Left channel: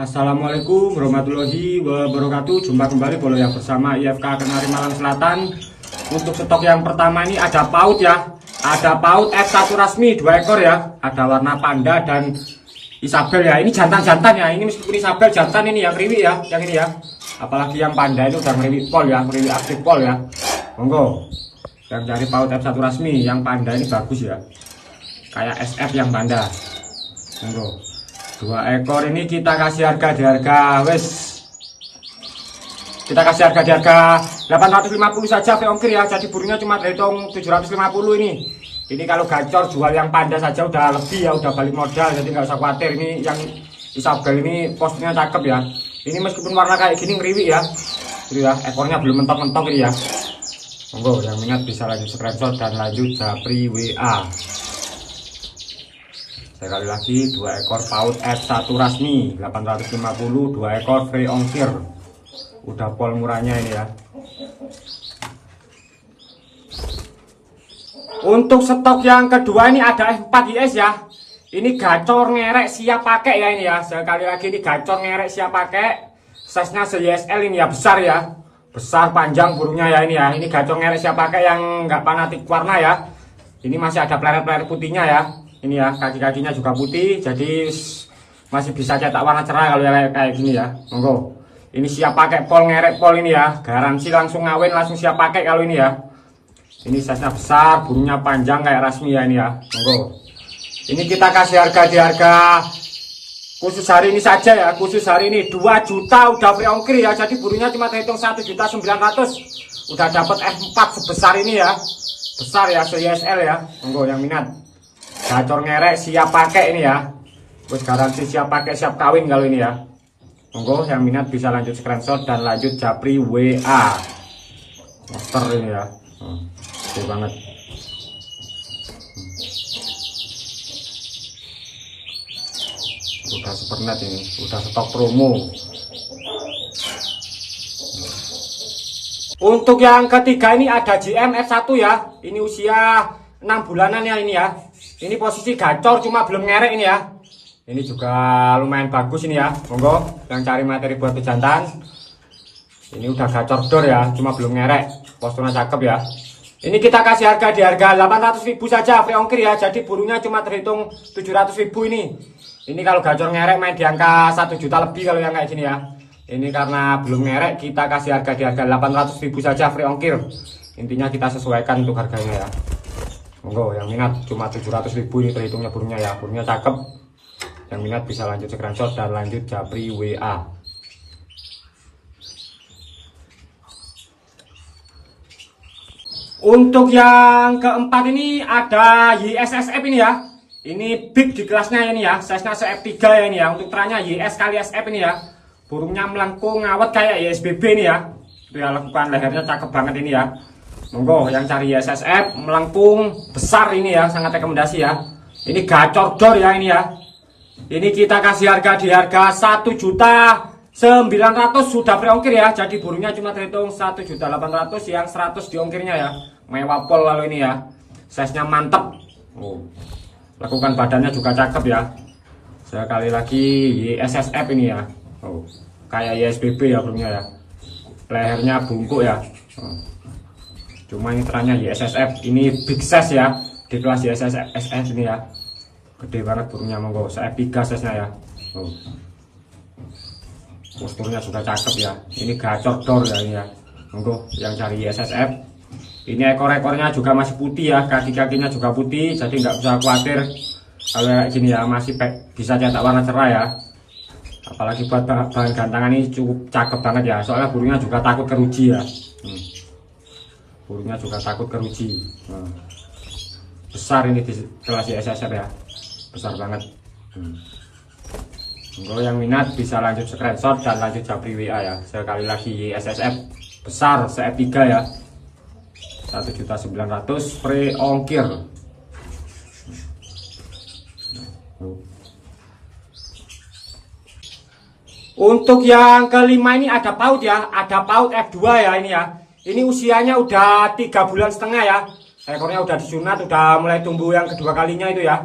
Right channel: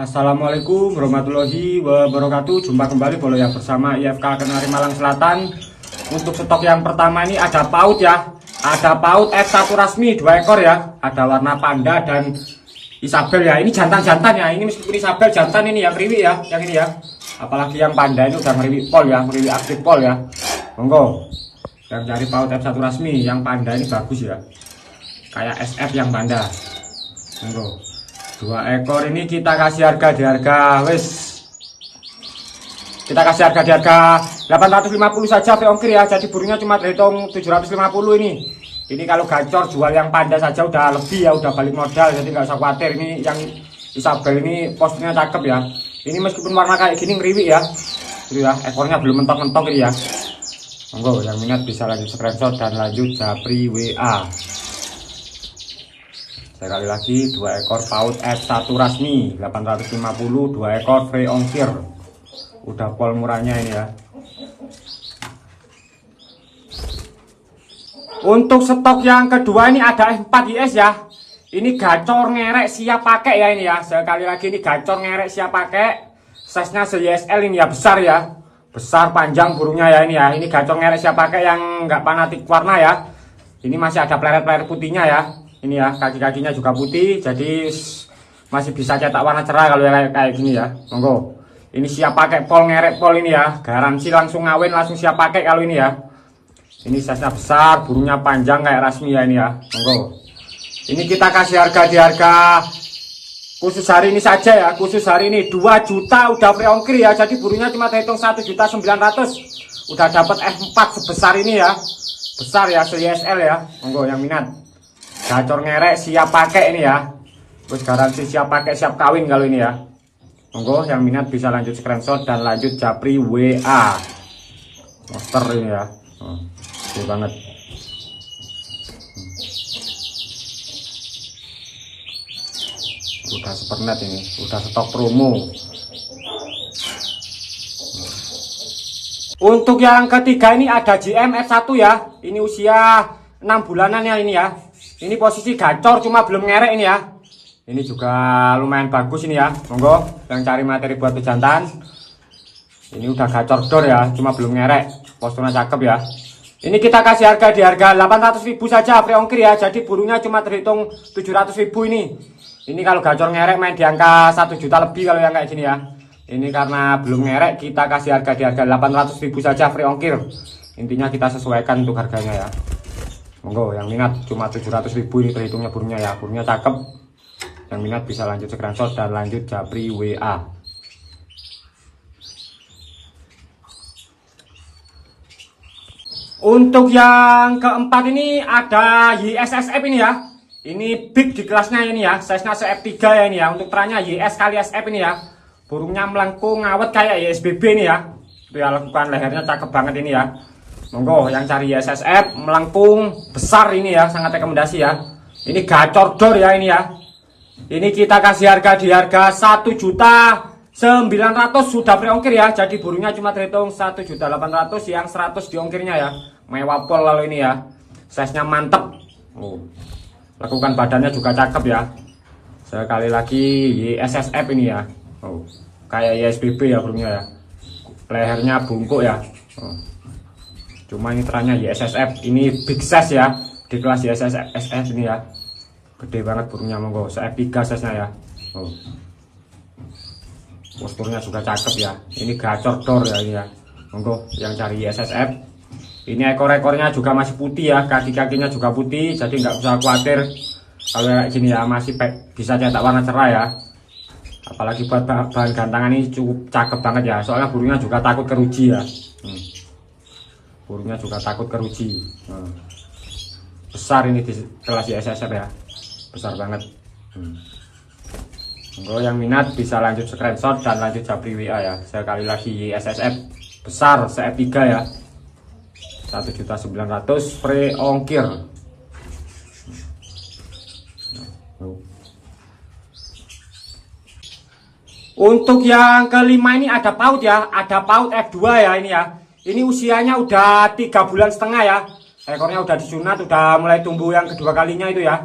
Assalamualaikum warahmatullahi wabarakatuh. Jumpa kembali boleh ya bersama IFK Kenari Malang Selatan. Untuk stok yang pertama ini ada paut ya. Ada paut F1 resmi 2 ekor ya. Ada warna panda dan Isabel ya. Ini jantan-jantan ya. Ini meskipun Isabel jantan ini yang riwi ya. Yang ini ya. Apalagi yang panda ini udah ngeriwi pol ya. Ngeriwi aktif pol ya. Monggo. Yang cari paut F1 resmi. Yang panda ini bagus ya. Kayak SF yang panda. Monggo. 2 ekor ini kita kasih harga di harga kita kasih harga di harga 850 saja ongkir ya. Jadi burungnya cuma terhitung 750 ini. Ini kalau gacor jual yang panda saja udah lebih ya, udah balik modal, jadi nggak usah khawatir. Ini yang Isabel ini posturnya cakep ya. Ini meskipun warna kayak gini ngeriwi ya. Jadi ya, ekornya belum mentok-mentok ini ya. Monggo yang minat bisa lanjut screenshot dan lanjut japri WA. Sekali lagi 2 ekor paut F1 resmi 850, 2 ekor free ongkir. Udah pol murahnya ini ya. Untuk stok yang kedua ini ada F4 IS ya. Ini gacor ngerek siap pakai ya ini ya. Sekali lagi ini gacor ngerek siap pakai. Size-nya YSL ini ya, besar ya. Besar panjang burungnya ya ini ya. Ini gacor ngerek siap pakai yang nggak fanatik warna ya. Ini masih ada pleret-pleret putihnya ya. Ini ya, kaki-kakinya juga putih, jadi masih bisa cetak warna cerah kalau yang kayak gini ya. Monggo. Ini siap pakai pol, ngerek pol ini ya. Garansi langsung ngawin, langsung siap pakai kalau ini ya. Ini size-nya besar, burungnya panjang kayak rasmi ya ini ya. Monggo. Ini kita kasih harga di harga khusus hari ini saja ya. Khusus hari ini 2 juta udah free ongkir ya. Jadi burungnya cuma terhitung 1.900.000. Udah dapat F4 sebesar ini ya. Besar ya, YSL ya. Monggo yang minat. Gacor ngerek siap pakai ini ya. Terus garansi siap pakai siap kawin kalau ini ya. Monggo yang minat bisa lanjut screenshot dan lanjut japri WA. Monster ini ya. Oke banget. Udah supernet ini, udah stok promo. Untuk yang ketiga ini ada JM F1 ya. Ini usia 6 bulanan ya ini ya. Ini posisi gacor cuma belum ngerek ini ya. Ini juga lumayan bagus ini ya. Monggo yang cari materi buat pejantan. Ini udah gacor dor ya, cuma belum ngerek. Posturnya cakep ya. Ini kita kasih harga di harga 800.000 saja free ongkir ya. Jadi burungnya cuma terhitung 700.000 ini. Ini kalau gacor ngerek main di angka 1 juta lebih kalau yang kayak gini ya. Ini karena belum ngerek kita kasih harga di harga 800.000 saja free ongkir. Intinya kita sesuaikan untuk harganya ya. Monggo yang minat cuma 700.000 ini terhitungnya burungnya ya. Burungnya cakep. Yang minat bisa lanjut screenshot dan lanjut japri WA. Untuk yang keempat ini ada YSSF ini ya. Ini big di kelasnya ini ya. Size-nya CF3 ya ini ya. Untuk perannya YS kali SF ini ya. Burungnya melengkung ngawet kayak YSBB ini ya. Itu ya, lakukan lehernya cakep banget ini ya. Monggo yang cari YSSF melengkung besar ini ya, sangat rekomendasi ya. Ini gacor dor ya ini ya. Ini kita kasih harga di harga 1.900.000 sudah free ongkir ya. Jadi burungnya cuma terhitung 1.800.000 yang 100 di ongkirnya ya. Mewah pol lalu ini ya. Size-nya mantep. Lakukan badannya juga cakep ya. Sekali lagi YSSF ini ya. Kayak YSBB ya burungnya ya. Lehernya bungkuk ya. Cuma ini terangnya YSSF, ini big size ya. Di kelas YSSF ini ya. Gede banget burungnya, monggo. CF3 size-nya ya. Posturnya juga cakep ya. Ini gacor dor ya ini ya. Monggo yang cari YSSF. Ini ekor-ekornya juga masih putih ya. Kaki-kakinya juga putih, jadi nggak usah khawatir kalau kayak gini ya, masih bisa cetak warna cerah ya. Apalagi buat bahan gantangan ini cukup cakep banget ya. Soalnya burungnya juga takut keruji ya. Burungnya juga takut keruji. Besar ini di kelas YSSF ya. Besar banget. Monggo yang minat bisa lanjut screenshot dan lanjut japri WA ya. Sekali lagi YSSF besar CF3 ya. 1.900.000 free ongkir. Untuk yang kelima ini ada paut ya. Ada paut F2 ya ini ya. Ini usianya udah 3,5 bulan ya. Ekornya udah disunat, udah mulai tumbuh yang kedua kalinya itu ya.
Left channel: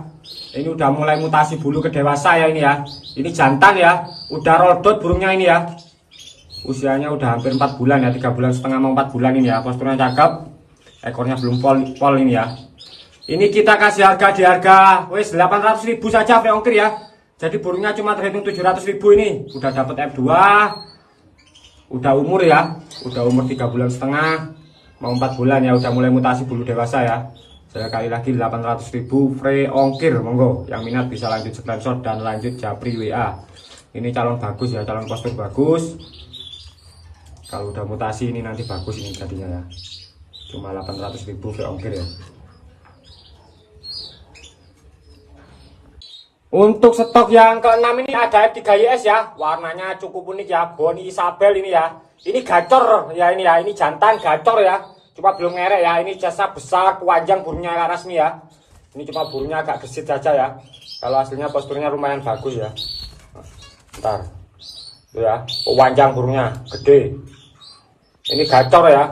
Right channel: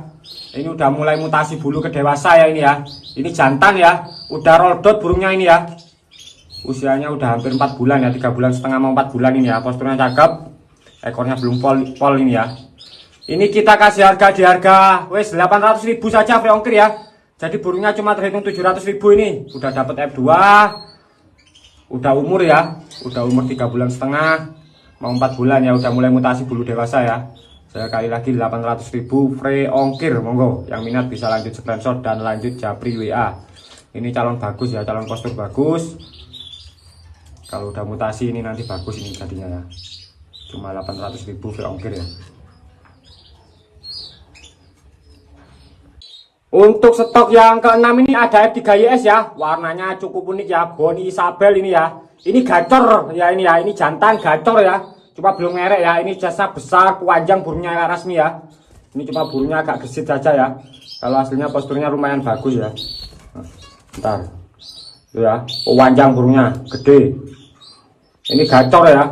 Ini udah mulai mutasi bulu ke dewasa ya ini ya. Ini jantan ya. Udah roldot burungnya ini ya. Usianya udah hampir 4 bulan ya, 3 bulan setengah mau 4 bulan ini ya. Posturnya cakep. Ekornya belum pol ini ya. Ini kita kasih harga di harga wes 800.000 saja free ongkir ya. Jadi burungnya cuma terhitung 700.000 ini. Udah dapat F2. Udah umur ya. Udah umur 3 bulan setengah mau 4 bulan ya, udah mulai mutasi bulu dewasa ya. Sekali lagi 800.000 free ongkir, monggo yang minat bisa lanjut screenshot dan lanjut japri WA. Ini calon bagus ya, calon postur bagus. Kalau udah mutasi ini nanti bagus ini jadinya ya. Cuma 800.000 free ongkir ya. Untuk stok yang ke-6 ini ada F3YS ya, warnanya cukup unik ya, Boni Isabel ini ya. Ini gacor ya ini ya, ini jantan gacor ya. Cuma belum merek ya, ini jasnya besar, panjang, burungnya rasmi ya. Ini cuma burungnya agak gesit saja ya. Kalau aslinya posturnya lumayan bagus ya. Bentar. Ya, panjang burungnya, gede. Ini gacor ya.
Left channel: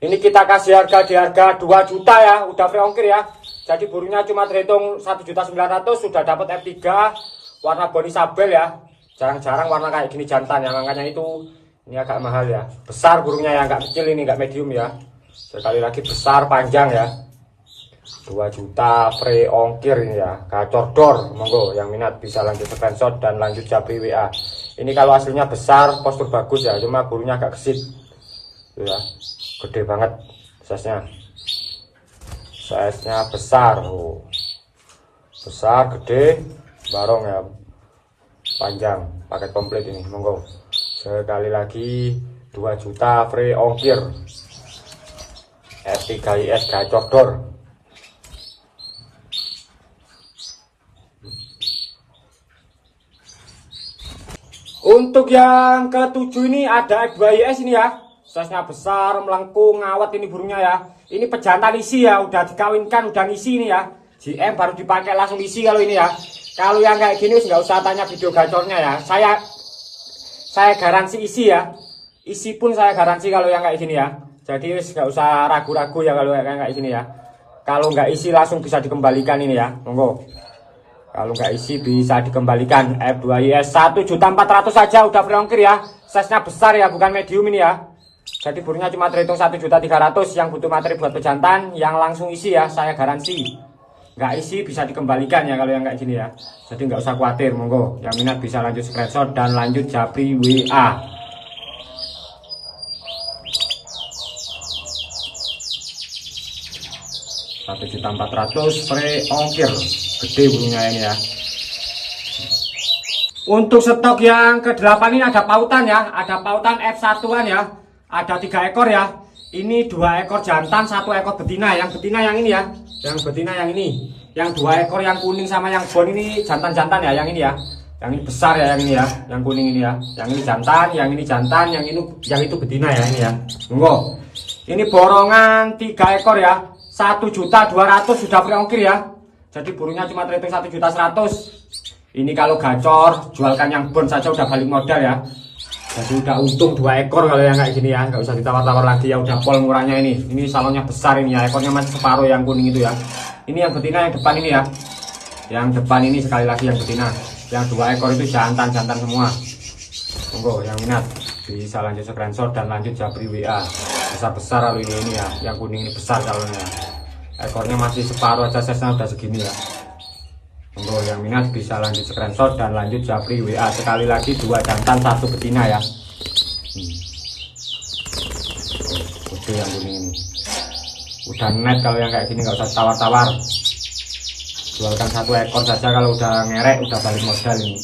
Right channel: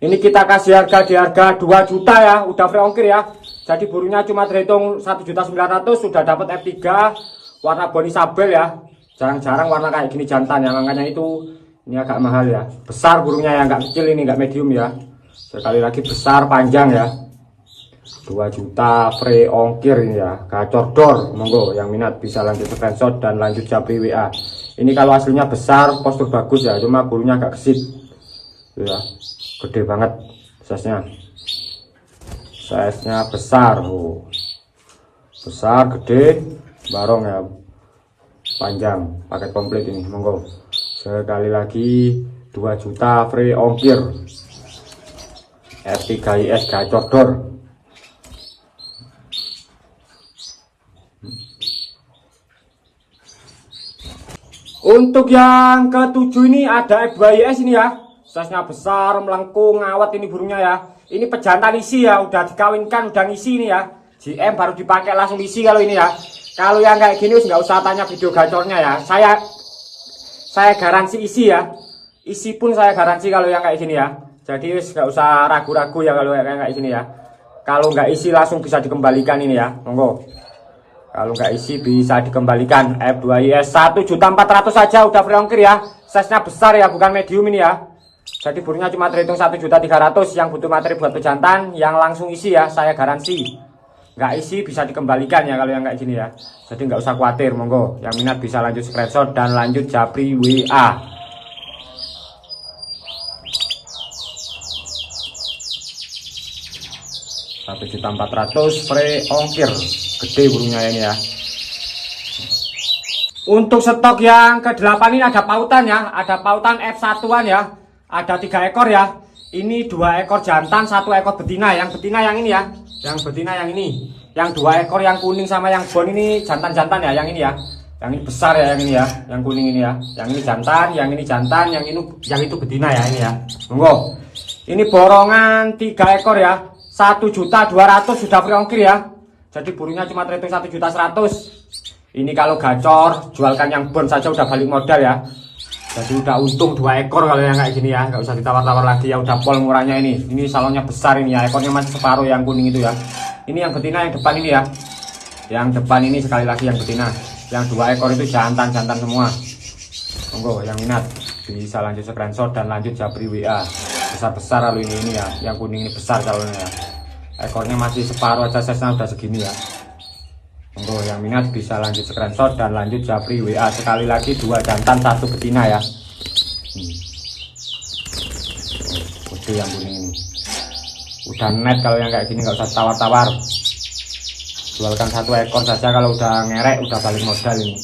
Ini kita kasih harga di harga 2 juta ya, udah free ongkir ya. Jadi burungnya cuma terhitung 1.900.000, sudah dapat F3 warna Boni Isabel ya. Jarang-jarang warna kayak gini jantan ya, makanya itu ini agak mahal ya. Besar burungnya ya, nggak kecil ini, nggak medium ya. Sekali lagi besar panjang ya. 2 juta free ongkir ini ya. Gacor dor, monggo yang minat bisa lanjut screenshot dan lanjut japri WA. Ini kalau hasilnya besar, postur bagus ya, cuma bulunya agak gesit. Ya, gede banget size-nya. Size-nya besar, Bu. Besar, gede, barong ya. Panjang, paket komplit ini, monggo. Sekali lagi 2 juta free ongkir. F3YS gacor dor. Untuk yang ke-7 ini ada F2YS ini ya. Size-nya besar, melengkung, ngawet ini burungnya ya. Ini pejantan isi ya, udah dikawinkan, udah ngisi ini ya. GM baru dipakai langsung isi kalau ini ya. Kalau yang kayak gini nggak usah tanya video gacornya ya. Saya garansi isi ya. Isi pun saya garansi kalau yang kayak gini ya. Jadi nggak usah ragu-ragu ya kalau kayak gini ya. Kalau nggak isi langsung bisa dikembalikan ini ya, monggo. Kalau nggak isi bisa dikembalikan. F2YS 1.400.000 saja udah free ongkir ya. Size-nya besar ya, bukan medium ini ya. Jadi burungnya cuma terhitung 1.300.000. Yang butuh materi buat pejantan yang langsung isi ya, saya garansi. Nggak isi bisa dikembalikan ya kalau yang kayak gini ya. Jadi nggak usah khawatir, monggo. Yang minat bisa lanjut screenshot dan lanjut japri WA. 1.400.000 free ongkir, gede burungnya ini ya. Untuk stok yang ke-8 ini ada pautan ya, ada pautan F1-an ya, ada 3 ekor ya. Ini 2 ekor jantan, 1 ekor betina. Yang betina yang ini ya, yang betina yang ini. Yang 2 ekor yang kuning sama yang bon ini jantan-jantan ya, yang ini ya. Yang ini besar ya, yang ini ya, yang kuning ini ya. Yang ini jantan, yang ini jantan, yang itu betina ya ini ya. Monggo. Ini borongan 3 ekor ya. 1.200.000 sudah free ongkir ya. Jadi burungnya cuma terhitung 1.100.000. Ini kalau gacor, jualkan yang bon saja udah balik modal ya. Jadi udah untung 2 ekor kalau yang kayak gini ya. Nggak usah ditawar-tawar lagi ya, udah pol murahnya ini. Ini salonnya besar ini ya, ekornya masih separuh yang kuning itu ya. Ini yang betina yang depan ini ya. Yang depan ini sekali lagi yang betina. Yang 2 ekor itu jantan-jantan semua. Tunggu yang minat bisa lanjut screenshot dan lanjut japri WA. Besar-besar kalau ini ya, yang kuning ini besar kalau ya. Ekornya masih separuh aja, size-nya udah segini ya. Tunggu yang minat bisa lanjut screenshot dan lanjut japri WA. Sekali lagi 2 jantan 1 betina ya. Itu yang kuning ini. Udah net kalau yang kayak gini, nggak usah tawar-tawar. Jualkan 1 ekor saja kalau udah ngerek, udah balik modal ini.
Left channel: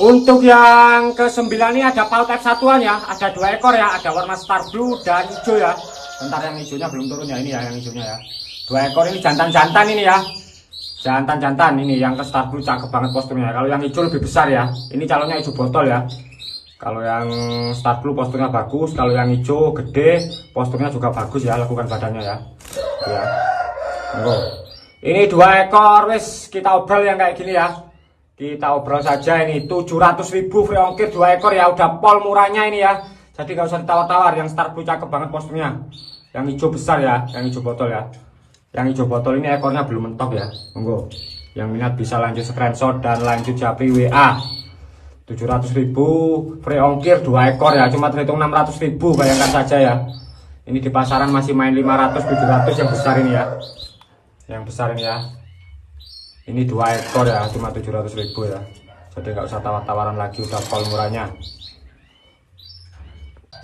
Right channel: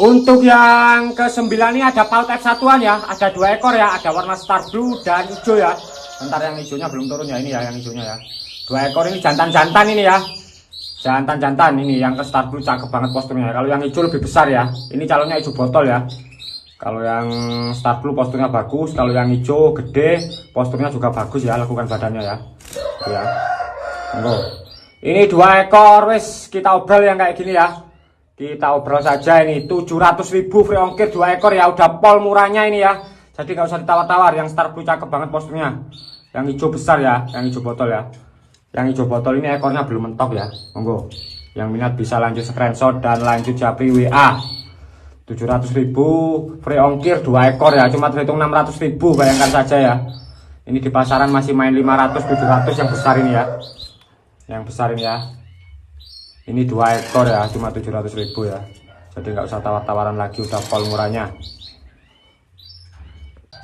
Untuk yang ke-9 ini ada paut F1-an ya, ada 2 ekor ya, ada warna star blue dan hijau ya. Bentar, yang hijaunya belum turun ya, ini ya yang hijaunya ya. 2 ekor ini jantan-jantan ini ya. Jantan-jantan ini yang ke star blue cakep banget posturnya. Kalau yang hijau lebih besar ya. Ini calonnya hijau botol ya. Kalau yang star blue posturnya bagus, kalau yang hijau gede posturnya juga bagus ya, lakukan badannya ya. Ya. Ini 2 ekor wes kita obrol yang kayak gini ya. Kita obrol saja ini 700.000 free ongkir 2 ekor ya, udah pol murahnya ini ya. Jadi gak usah ditawar-tawar, yang star blue cakep banget posturnya. Yang hijau besar ya, yang hijau botol ya. Yang hijau botol ini ekornya belum mentok ya. Monggo. Yang minat bisa lanjut screenshot dan lanjut japri WA. 700.000 free ongkir 2 ekor ya, cuma terhitung 600.000, bayangkan saja ya. Ini di pasaran masih main 500 700 yang besar ini ya. Yang besar ini ya. Ini 2 ekor ya, cuma 700.000 ya. Jadi nggak usah tawar-tawaran lagi, udah pol murahnya.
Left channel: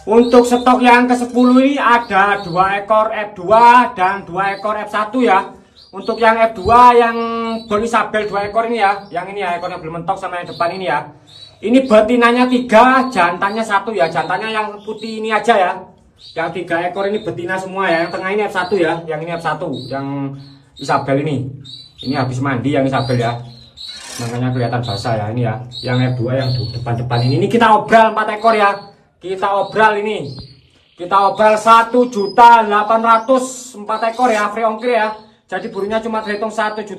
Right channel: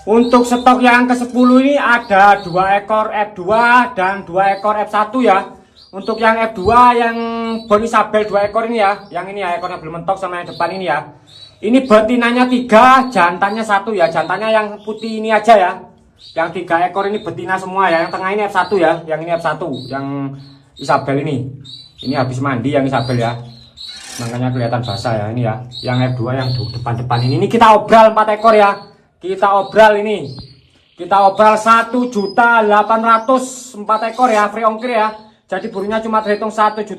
Untuk stok yang ke-10 ini ada 2 ekor F2 dan 2 ekor F1 ya. Untuk yang F2 yang Boni Sabel 2 ekor ini ya. Yang ini ya, ekornya belum mentok sama yang depan ini ya. Ini betinanya 3, jantannya 1 ya. Jantannya yang putih ini aja ya. Yang 3 ekor ini betina semua ya. Yang tengah ini F1 ya. Yang ini F1, yang Isabel ini. Ini habis mandi yang Isabel ya. Makanya kelihatan basah ya ini ya. Yang F2 yang depan-depan ini kita obral 4 ekor ya. Kita obral ini. Kita obral 1.800.000 4 ekor ya, free ongkir ya. Jadi burungnya cuma terhitung 1 juta.